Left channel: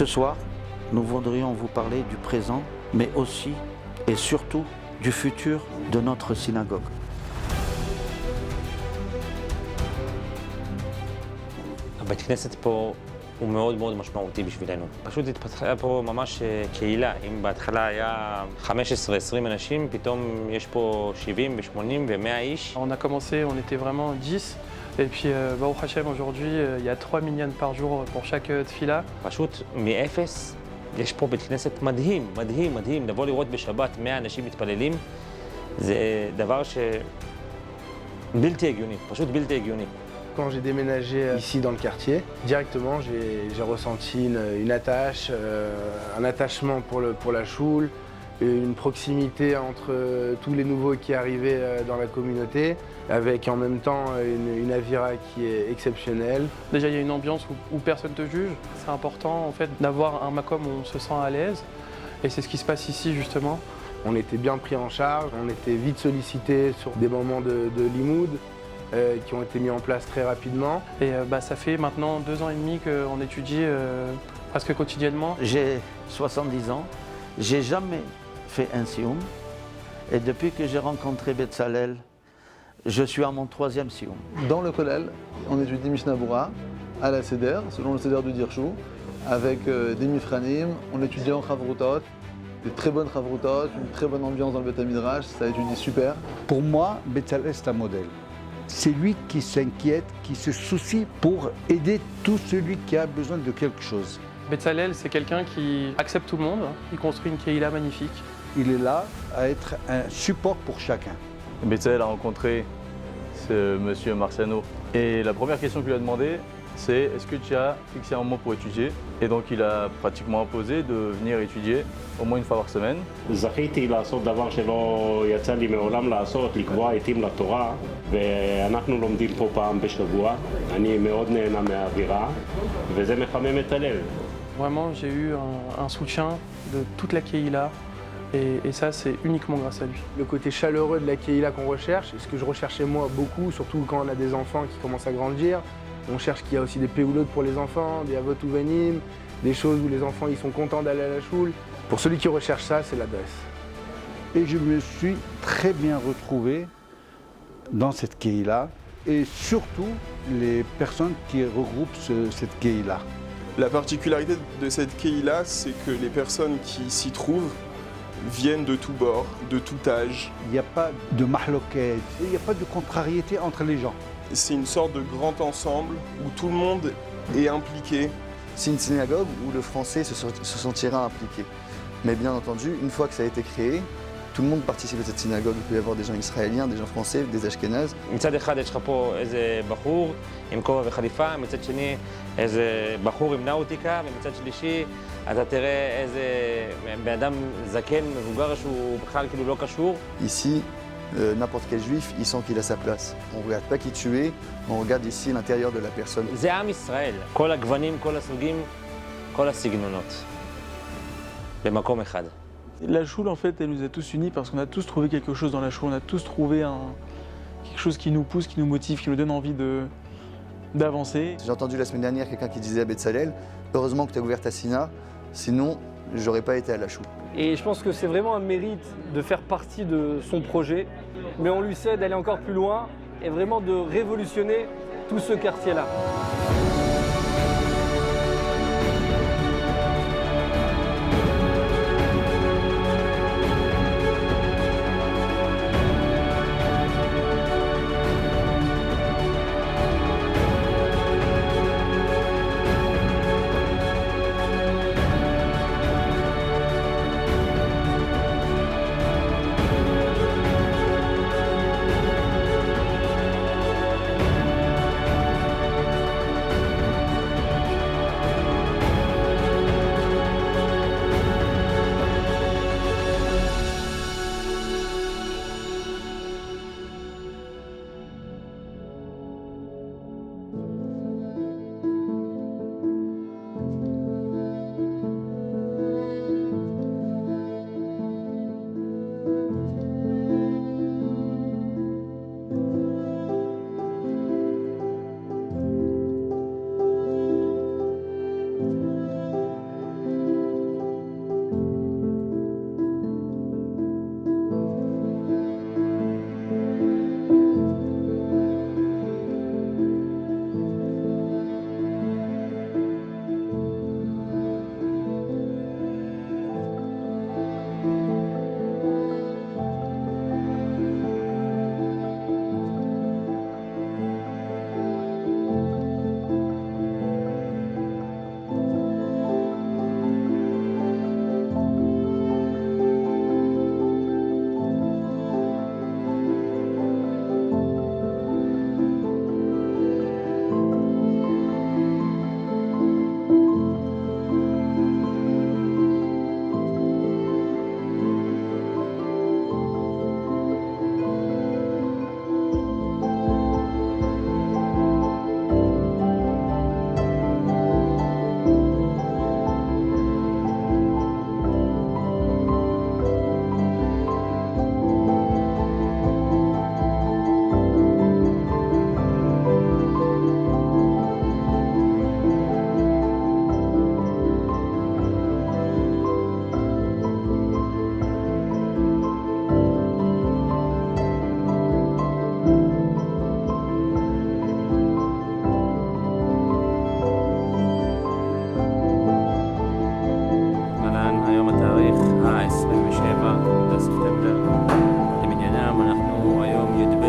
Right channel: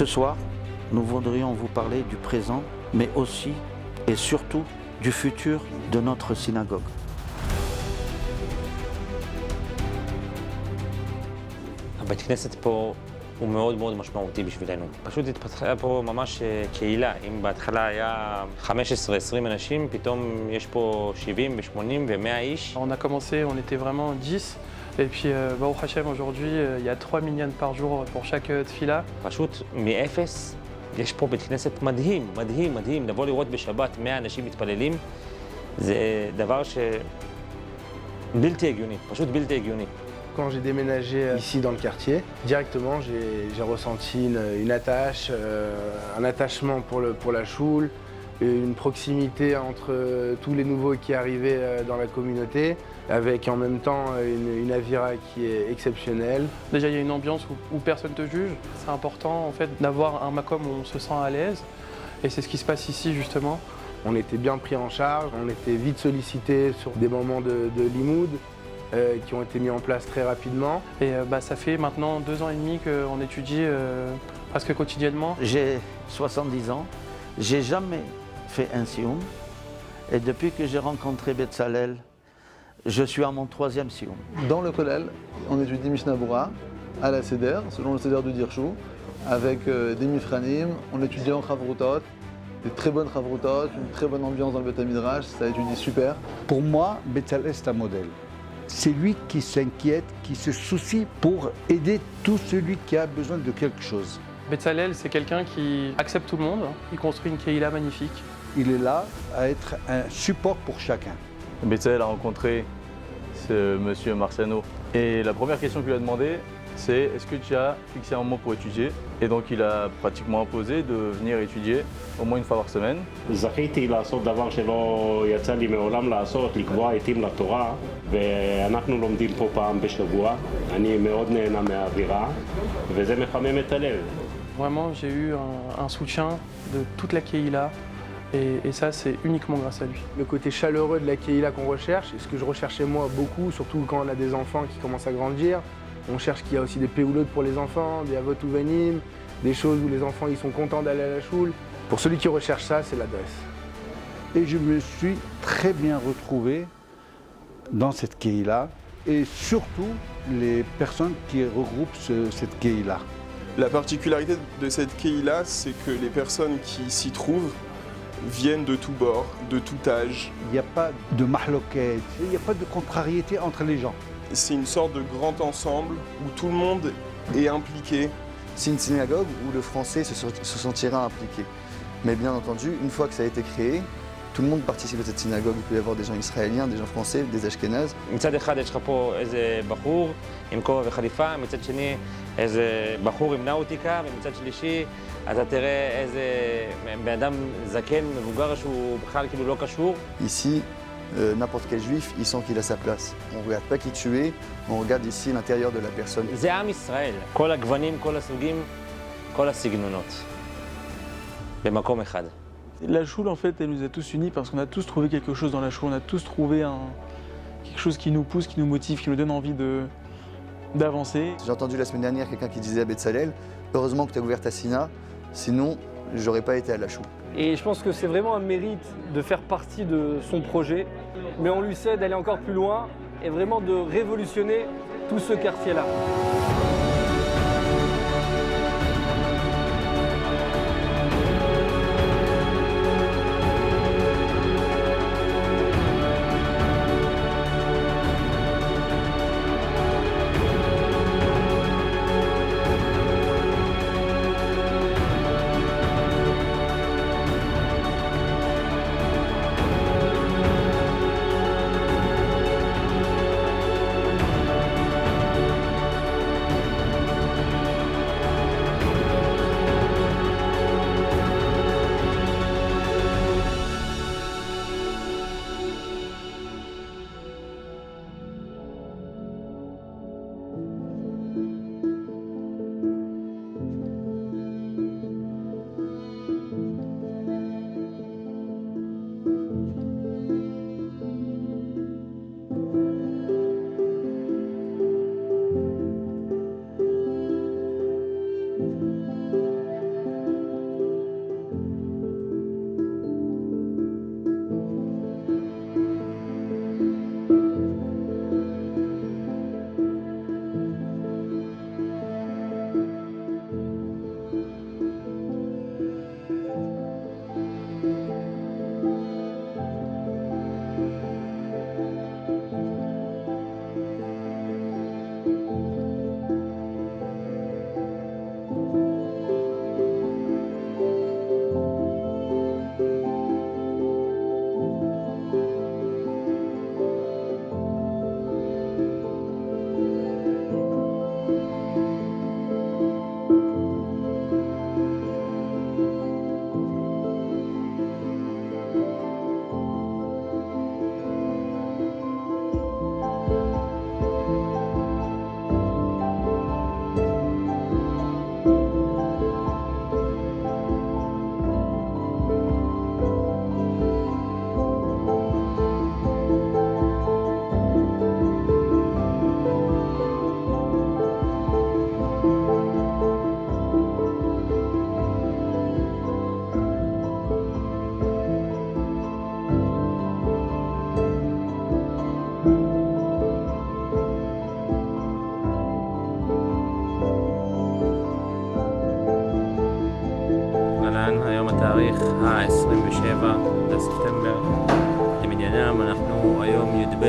Ce soir, nous voudrions vous parler du présent, mais aussi et surtout du futur de notre synagogue. הבית כנסת פה הוא מאוד מאוד משמעותי בשבילנו. פשוט התפתחה פה ממש קהילה. אם בהתחלה היה 15-20 אנשים, פתאום יש פה 70 ו-80 ו-100 איש. On a commencé, on était vraiment 10. Et puis, Baruch Hashem, aujourd'hui, il y a 3 minyan par jour pour chaque tfila. פשוט מאפס, יש פה בית כנסת מדהים, מדהים, מדהים. לבוא לראות בשבת 100 אנשים מתפללים, זה דבר בלתי הגיוני, פשוט בלתי הגיוני. Quand j'ai déménagé ici dans le quartier, directement j'ai ressenti une attache, un attachement pour la choule, une proximité entre tous les nouveaux qui arrivaient dans la communauté, avec en même temps une avira qui est exceptionnelle. Déjà, il y a une ambiance où personne ne te juge. C'est important en fait d'avoir un makom où on se sent à l'aise. Et c'est ce qui se passe ici justement. On était bien pris en charge, on était vite sollicité sur des moments de limoud. Qui ont été mis en place très rapidement. Et ça fait maintenant 2 ans et demi qu'on étudie presque quotidiennement. J'ai 70 ans, j'ai jamais fait un sioum. Et depuis que j'ai rencontré Betzalel, je suis à mon 3e sioum. Dans le Kollel, on étudie Mishnah Bura à la Seder, selon le Seder du Dirchou, avec des Mifranim, on étudie en Chavrutot, des très bonnes Chavrutot, une très bonne ambiance dans le Beth Midrash, ça étudie super. Pour moi, Betzalel c'est un modèle. C'est lui qui s'inquiète, qui se soucie pour aider tout celui qui a besoin de quelque chose. Betzalel, c'est quelqu'un qui accepte tout le monde. Il construit une keïla magnifique. Il est là à être un support pour chacun. Betzalel a rencontré ce monsieur Marciano et la première question qu'il lui a demandé, c'est est-ce que tu as fixé un moment pour étudier? Et donc il a pratiquement imposé de venir étudier au moins une fois par semaine. זכיתי לעשות דבר שלא יצא לי מעולם לעשות, לקבוע עתים לתורה, ואנחנו לומדים פה פעם בשבוע. אני מאוד נהנה מהאווירה, וזה מחמם את הלב. Vraiment, j'ai eu un soutien de toute la keïla. Et ça, c'est uniquement grâce à lui. Le côté chaleureux de la keïla qu'on recherche, et ce que je recherchais moi beaucoup, surtout quand on a des enfants qui commencent à grandir, on cherche qu'il y a aussi des péoulotes pour les enfants, des avot uvanim, des choses où les enfants ils sont contents d'aller à la choule. Pour celui qui recherche ça, c'est l'adresse. Et je me suis très bien retrouvé dans cette keïla et surtout les personnes qui regroupent cette keïla. La particularité de cette keïla, c'est que les personnes qui s'y trouvent viennent de tous bords, de tout âge. Il n'y a pas de mahloket, il n'y a pas de contrariété entre les gens. C'est une sorte de grand ensemble où tout le monde est impliqué. C'est une synagogue où le français se sentira impliqué. Mais bien entendu, une fois que ça a été créé, tout le monde participe à cette synagogue. Il peut y avoir des gens israéliens, des gens français, des ashkénazes. מצד אחד יש לך פה איזה בחור עם כובע וחליפה, מצד שני איזה בחור עם נאוטיקה, ומצד שלישי אתה תראה איזה בן אדם זקן, מבוגר שהוא בכלל כאילו לא קשור. Ici, n'importe quel juif, il sent qu'il a sa place. On ne regarde pas qui tu es, on regarde ici l'intérieur de la personne. זה עם ישראל, כל הגוונים, כל הסוגים, כל הסגנונות, במקום אחד. La choule, en fait, elle nous a tous unis parce qu'on a tous trouvé quelque chose dans la choule. On a tous trouvé quelque chose qui nous pousse, qui nous motive, qui nous donne envie d'avancer. J'ai entendu la semaine dernière quelqu'un qui disait à Betzalel, heureusement que tu as ouvert ta sina, sinon j'aurais pas été à la choule. Et je pense que c'est vraiment un mérite de faire partie de son projet, mais on lui sait d'aller encore plus loin et vraiment de révolutionner tout ce quartier-là. ה-27 לספטמבר למניינם. אנחנו היום י"ב